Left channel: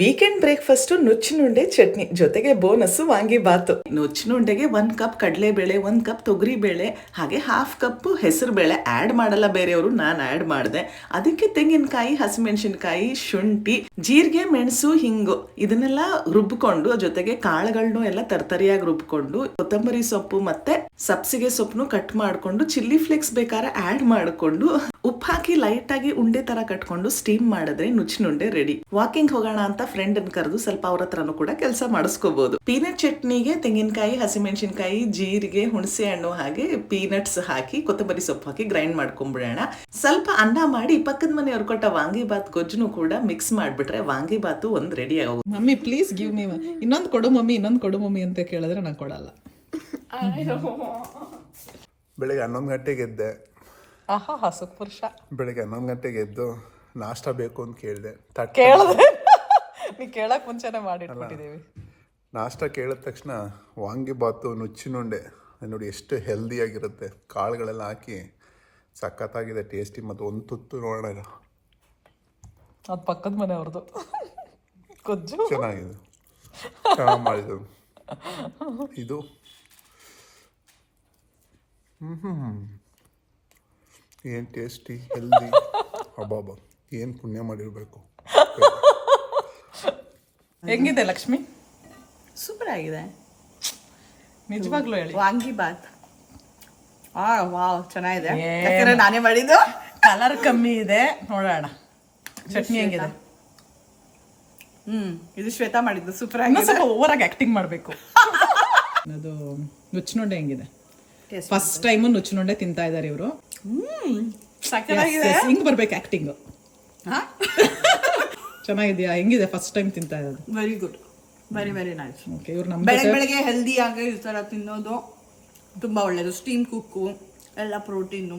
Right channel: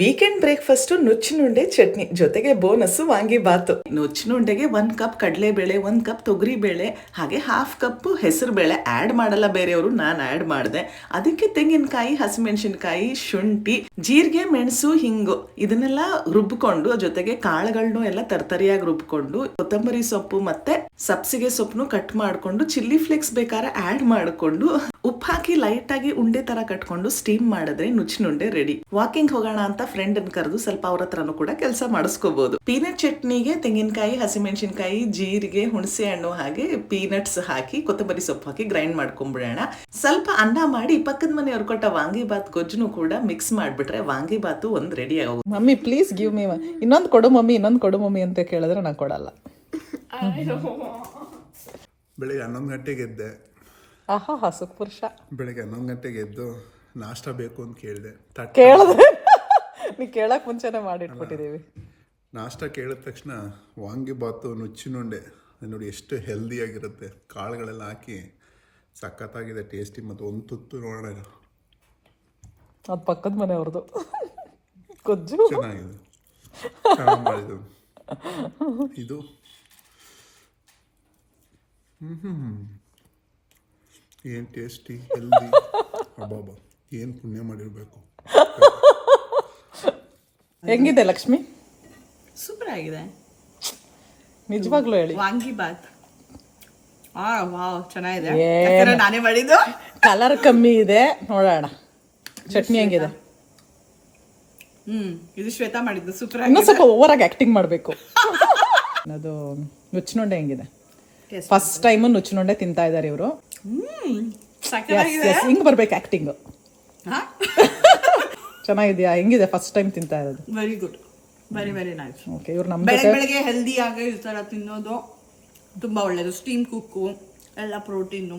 Weekend breakfast ನುಚ್ಚಿನುಂಡೆ chutney ಜೊತೆಗೆ bonus vangibath. ನುಚ್ಚಿನುಂಡೆಗೆ 1 cup ಕಡಲೆಬೇಳೆ, 1 cup ತೊಗರಿಬೇಳೆ, ಹಾಗೆ 1/2 ಕಪ್ ಹೆಸರು ಬೇಳೆ ಆಡ್ ಮಾಡಲ್ಲ ಬೇರೆಯವರು, ನಾನು ಆಡ್ ಮಾಡಿದೆ. ಅದಕ್ಕೆ ತೆಂಗಿನಕಾಯಿ, ಹಸಿಮೆಣಸಿನಕಾಯಿ, ಶುಂಠಿ, ಜೀರಿಗೆ, ಮೆಣಸು, ಹಿಂಗು ಇದನ್ನೆಲ್ಲ ರುಬ್ಕೊಂಡು, ಜೊತೆಗೆ ಕಾಳುಗಳನ್ನು ಎಲ್ಲ ತರ್ತರಿಯಾಗಿ ರುಬ್ಕೊಂಡು, ಕೊತ್ತಂಬರಿ ಸೊಪ್ಪು ಮತ್ತೆ ಸಬ್ಸಿಗೆ ಸೊಪ್ಪನ್ನು ಕಟ್ ಮಾಡ್ಕೊಂಡು, ಚಿಲ್ಲಿ ಫ್ಲೇಕ್ಸ್ ಬೇಕಾದ್ರೆ ಆಡ್ ಮಾಡಿಕೊಂಡು, ಉಪ್ಪು ಹಾಕಿ ಲೈಟ್ ಆಗಿ ಉಂಡೆ ತರ ಕಟ್ಕೊಂಡು ಸ್ಟೀಮ್ ಮಾಡಿದ್ರೆ ನುಚ್ಚಿನುಂಡೆ ರೆಡಿ. ವಾಕಿಂಗ್ ಹೋಗೋಣ ಅಂತ ಫ್ರೆಂಡ್ ಅನ್ನು ಕರೆದು ಸ್ವಲ್ಪ ಅವ್ರ ಹತ್ರನೂ ಕೂಡ ಕೆಲಸ ಮಾಡಿಸ್ಕೋಬಹುದು. ಪೀನಟ್ ಚಟ್ನಿಗೆ ತೆಂಗಿನಕಾಯಿ, ಹಸಿಮೆಣಸಿನಕಾಯಿ, ಜೀರಿಗೆ, ಹುಣಸೆ ಹಣ್ಣು ಹಾಗೆ ಪೀನಟ್ಸ್ ಹಾಕಿ ಕೊತ್ತಂಬರಿ ಸೊಪ್ಪು ಹಾಕಿ ಗ್ರೈಂಡ್ ಮಾಡ್ಕೊಂಡ್ಬಿಡೋಣ. ಸ್ವಲ್ಪ ಅನ್ನ ಮಾಡಿ ಪಕ್ಕದ ಮನೆಯವ್ರು ಕೊಟ್ಟ ವಾಂಗಿಬಾತ್ ಗೊಜ್ಜುನು ಕೂಡ ಮಿಕ್ಸ್ ಮಾಡ್ಬಿಟ್ರೆ ವಾಂಗಿಬಾತು ಒಂದ್ ರೆಡಿ ಆಗೋದು. ಮಮ್ಮಿ ಪ್ಲೀಸ್ ಗಿವ್ ಮೀ ಇನ್ನೊಂದು ಕೊಡು ಮಮ್ಮಿ, ಇನ್ನೊಂದು ಕೊಡು ಮಮ್ಮಿ ಅಂತ ಕೇಳಿದ್ರೆ ನಾನು ಕೊಡಲ್ಲ. ಬೆಳಿಗ್ಗೆ 11 ಗಂಟೆಗೆ ಎದ್ದೆ. ಸುಪುರುಷ. ಬೆಳಿಗ್ಗೆ 11 ಗಂಟೆಗೆ ಎದ್ದು ನಾಷ್ಟ ಬೇಕು ಅಂತ ಕೇಳಿದೆ. ನೀ ಕೇಳಕ್ ಮುಂಚೆನೆ ಮಾಡಿಟ್ಬಿಟ್ಟಿದೀವಿ. ನಾಷ್ಟ ಕೇಳಿದ ತಕ್ಷಣ ವಾಂಗಿಬಾತು, ನುಚ್ಚಿನುಂಡೆ ನೋಡಿ ಎಷ್ಟು ಹೆಲ್ದಿಯಾಗಿರುತ್ತೆ. ಕಾಳುಗಳೆಲ್ಲ ಹಾಕಿ ಸಖತ್ತಾಗಿದೆ, ಟೇಸ್ಟಿ. ಮತ್ತು ಒಂದು ತುತ್ತು ನೋಡೋಣ, ಅದು ಪಕ್ಕದ ಮನೆಯವ್ರದ್ದು ಗೊಜ್ಜು ಚೆನ್ನಾಗಿದೆ, ಚೆನ್ನಾಗಿ ಮಾಡಿದ್ದು ಇದು. ಏನು ಟೇಸ್ಟಿ, ಹೆಲ್ದಿ, ಹಬ್ಬ ಏನು ಪುಣ್ಯ ಮಾಡಿರಬೇಕು. ಹೆಂಗಿದೆ ಲಕ್ಷ್ಮಿ? ಸೂಪರ್ ಆಗಿದೆ ನಿಜವಾಗ್ಲೂ ಹೇಳಿ. ವಾಂಗಿಬಾತ್ ವಾವ್ ಚೆನ್ನಾಗಿದೆ. ಯಾಕಂದ್ರೆ ನಾನೇ ಮಾಡಿದ್ದು. ಕಲರ್ ಕಮ್ಮಿ ಇದೆ, ನೋಡೋಣ. ಚಟ್ನಿ ಹೆಂಗಿದೆ? ಇದು ಶ್ವೇತಾ ಮಾಡಿದ್ದು. ಸೂಪರ್ ಆಗಿದೆ. ಸ್ವಲ್ಪ ಓವರ್ ಆಗಿ ಆಕ್ಟಿಂಗ್ ಮಾಡಬೇಕು. ಅದು ನುಚ್ಚಿನುಂಡೆ ಹೆಂಗಿದೆ? ಫಸ್ಟ್ ಟೈಮ್ ನುಚ್ಚಿನುಂಡೆ ತಿಂತಾ ಇದಾರೆ ಇವರು. ಹಿಂಗ್ ಬರ್ಬೇಕು ಆಕ್ಟಿಂಗ್. ಚೆನ್ನಾಗಿದ್ಯಾ? ಹೆಂಗಿದೆ ಫಸ್ಟ್ ಟೈಮ್ ತಿಂತಾ ಇರೋದು? Very good, very very nice. Okay, ಇವ್ರು ನಮ್ಮ ಬೆಳಗ್ಗೆ ಹೆಲ್ದಿ ಆಗಿ ಈ ತರ ತಿನ್ನೋದು ತುಂಬಾ ಒಳ್ಳೇದು. ಸ್ಟೀಮ್ ಕುಕ್ಕು ಎಲ್ಲ ಪ್ರೋಟೀನು.